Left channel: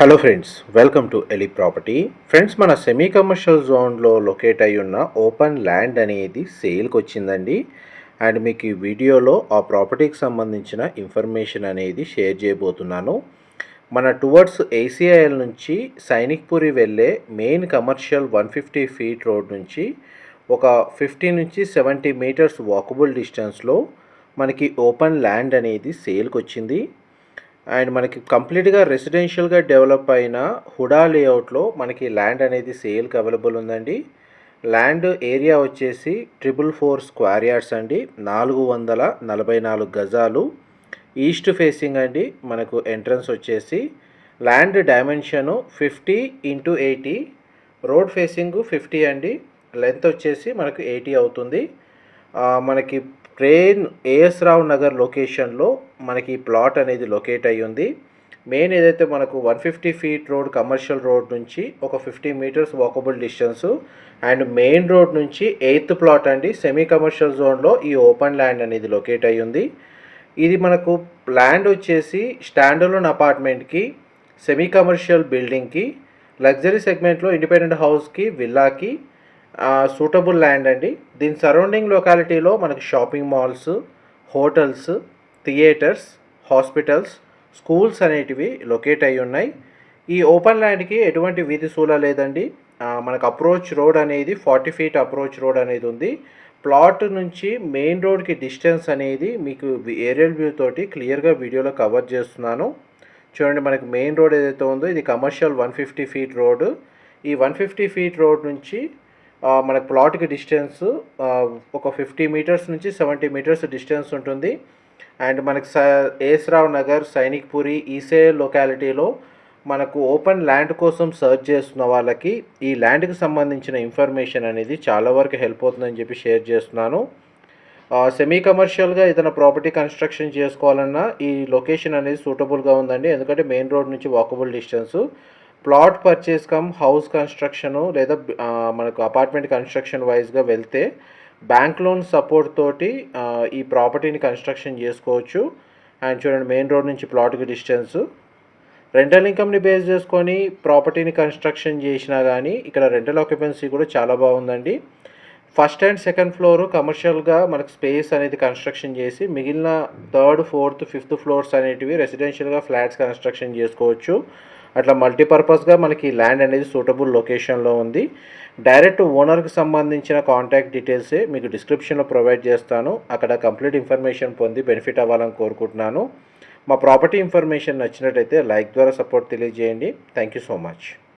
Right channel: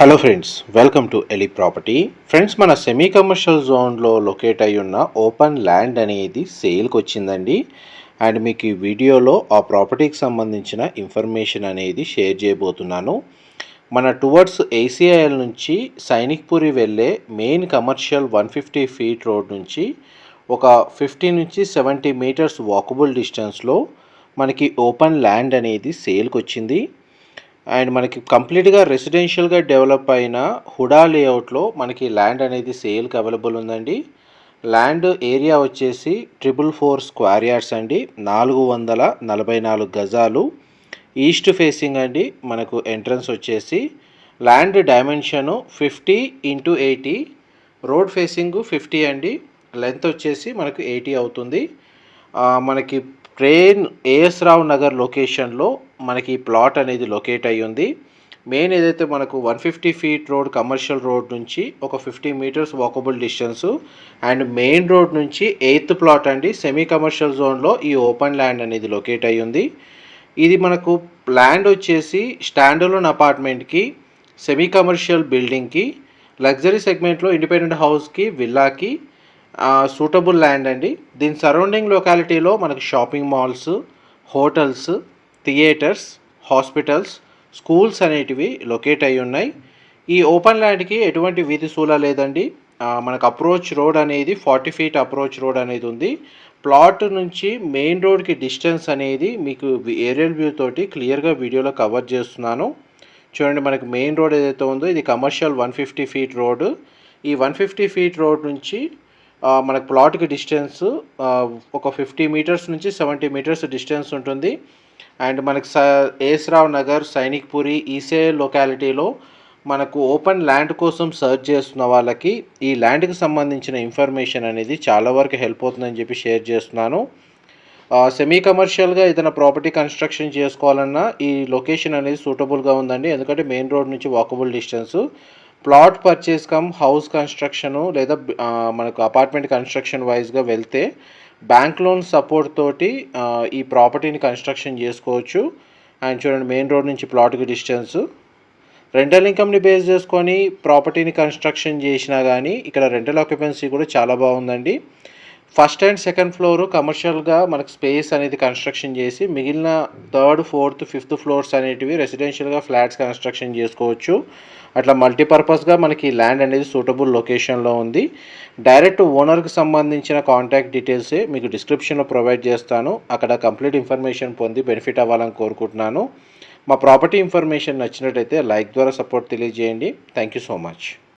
Hello friends, welcome to ఎలి property. Friends, మన semi commercial జోన్లో లొకేట్ అయి ఉన్న ఓపెన్ ల్యాండ్ అనేది సేల్కి వచ్చిందండి. అండ్ మీకు ఈ వీడియోలో ఆ ప్రాపర్టీకి సంబంధించిన ఇన్ఫర్మేషన్ అనేది షేర్ చేయబోతున్నాను. మన టువర్డ్స్ ఏసీఐఎల్ నుంచి సైనిక్పురి వెళ్ళే మెయిన్ కమర్షియల్ 150 ఫీట్ రోడ్ నుంచి ఒక 50 నుంచి 70 మీటర్స్ వాకబుల్ డిస్టెన్స్లో మనకి ఓపెన్ ల్యాండ్ అనేది సేల్కి వచ్చింది. అండ్ మనకి కంప్లీట్‌గా రెసిడెన్షియల్‌గా డెవలప్ అయిన హుడా లేఅవుట్‌లో మనకి ల్యాండ్ అనేది సేల్‌కి అవైలబుల్ ఉందండి. ల్యాండ్ ఏరియా వచ్చేసి 444 స్క్వేర్ యార్డ్స్ అండి. 444 గజాలు. ఈస్ట్ ఫేసింగ్ అండి. మనకు ఎంట్రన్స్ వచ్చేసి land dimension 50x80, road facing 50 అండి. లెంత్ వచ్చేసి మనకు 80 అవుతుంది. మనకి ట్రైన్ ఏఎస్ రావు నగర్ లొకేషన్లో మనకి ప్లాట్ అనేది లొకేట్ అయ్యి ఉంది. మెయిన్ ఏదైతే మనకు 150 ఫీట్ రోడ్ కమర్షియల్ రోడ్ నుంచి ఒక 50 metres walkable distance and main road నుంచి 8th ప్లాట్ అండి. సెమీ కమర్షియల్ జోన్లో ఈ ఓపెన్ ల్యాండ్ అనేది లొకేట్ అయ్యి ఉంది. ఇది మనకు ల్యాండ్ వచ్చేసి స్టాండలోన్ అపార్ట్మెంట్కి, సెమీ కమర్షియల్ బిల్డింగ్కి, లగ్జరీ సెగ్మెంట్లో ఇండిపెండెంట్ హౌస్కి, విల్లాకి సూటబుల్ ల్యాండ్ అండి. దీని సరౌండింగ్ లొకాలిటీలో మనకి shopping malls, hotels, theatres, hospitals, schools అనేటివి లొకేట్ అయి ఉన్నాయి. ఈ ఓపెన్ ల్యాండ్కి ఎటువంటి వీధి సూల లేదండి. మనకు అప్రోచ్ రోడ్ అనేది 40 ఫీట్ అప్రోచ్ రోడ్ అనేది ఉంది. ప్లాట్ నుంచి మెయిన్ రోడ్కి డిస్టెన్స్ అనేది మీకు ఏరియల్ వ్యూ తోటి క్లియర్గా వీడియోలో కవర్ చేస్తున్నాను. చూడండి, మనకి మెయిన్ రోడ్ ఏదైతే ఉందో ఇది కమర్షియల్ 150 ఫీట్ రోడ్. ఈ 150 ఫీట్ రోడ్ నుంచి మనకు ప్లాట్కి డిస్టెన్స్ ఒక 50 మీటర్స్ నుంచి 70 మీటర్స్ డిస్టెన్స్ ఉంటుంది. అండ్ మనకి ఏస్రావ్ నగర్, సైనిక్పురి, ఈసే లొకాలిటీలో మనకు ఓపెన్ ల్యాండ్ కోసం సర్చ్ చేస్తున్న వాళ్ళకి ఈ ల్యాండ్కి సంబంధించిన ఇన్ఫర్మేషన్ అనేది చాలా వరకు హెల్ప్ అవుతుందని చెప్పి షేర్ చేస్తున్నాను. సెమీ కమర్షియల్గా ఏదైనా ప్రాపర్టీ కన్స్ట్రక్షన్ చేసుకోవాలన్నా ఈ లొకేషన్ అనేది సూటబుల్గా ఉందండి. ఎందుకంటే మెయిన్ రోడ్ నుంచి walkable distance. Plot purchase come house construction లేదా మనకు అపార్ట్మెంట్ కన్స్ట్రక్షన్ వైజ్గా వెళ్తే బ్యాంక్ లోన్ సపోర్ట్ తోటి ఈ ప్రాపర్టీని కన్స్ట్రక్షన్ చేసుకోవచ్చు. అండ్ చూడండి, మెయిన్ రోడ్ నుంచి ప్లాట్కి డిస్టెన్సు. రెంటల్ ఇన్కమ్ని బేస్ చేసుకొని ప్రాపర్టీని కన్స్ట్రక్షన్ చేసినా కానీ ఇక్కడ రెంటల్ ఆక్యుపెన్సీ కూడా చాలా బాగుందండి. ఫస్ట్ అండ్ సెకండ్ ఫ్లోరు కమర్షియల్గా మనకు స్పేస్ అనేది కన్స్ట్రక్షన్ చేసి మిగిలిన 3rd, 4th, 5th ఫ్లోర్స్ అనేటివి రెసిడెన్షియల్గా ఫ్లాట్స్ కన్స్ట్రక్షన్ చేసుకోవచ్చు. అట్లా మల్టీపర్పస్గా మనకి ల్యాండ్ అనేది సూటబుల్ లొకేషన్లో ఉంది. డైరెక్ట్ ఓనర్కి సంబంధించిన కాంటాక్ట్ డీటెయిల్సే మీకు డిస్క్రిప్షన్లో ప్రొవైడ్ చేస్తాను. అక్కడ కంప్లీట్ ఇన్ఫర్మేషన్ పొంది బెనిఫిట్ అవ్వాలని కోరుకుంటున్నాను. మా ప్రాపర్టీ ఇన్ఫర్మేషన్ నచ్చినట్టయితే లైక్ ద్వారా సపోర్ట్ తెలియజేయండి. Thank you so much.